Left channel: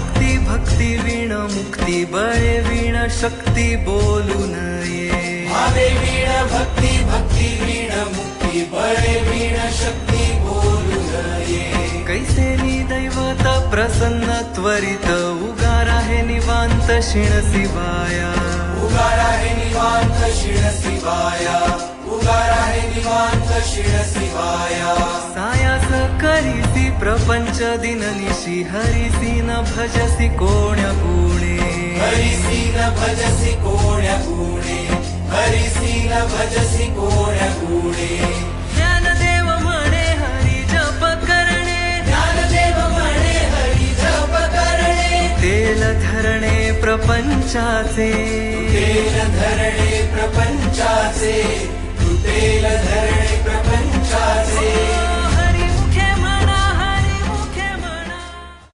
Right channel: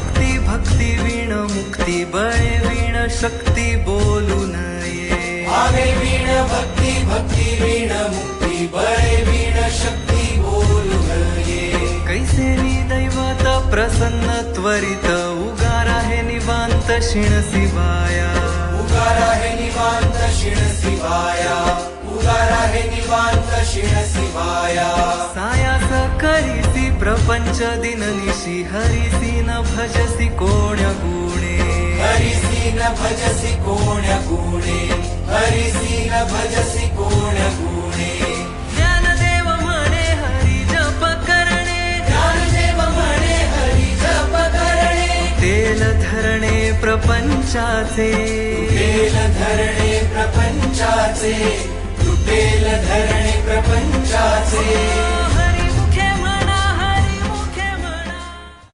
भक्ती भक्ती वीण मुक्ती बळे वीण शक्ती बोलू नये आवे वीण भक्ती भक्ती वीण मुक्ती बळे वीण शक्ती बोलू नये कैसेनी दैवत प्रसन्न त्वरित उगार आहे निवांत शिण शिवाया उगार आहे निवांत शिण शिवाया उगार आहे निवांत शिण शिवाया सायास करीसी प्रपंच दिननिशी हरिसी न भजसी कोण्या गुणे हरिसी न भजसी कोण्या गुणे हरिसी न भजसी कोण्या गुणे ज्ञानदेव म्हणे हरी जप करणे ज्ञानदेव म्हणे हरी जप करणे तेल धरणे प्रपंचाचे तेल धरणे प्रपंचाचे तेल धरणे प्रपंचाचे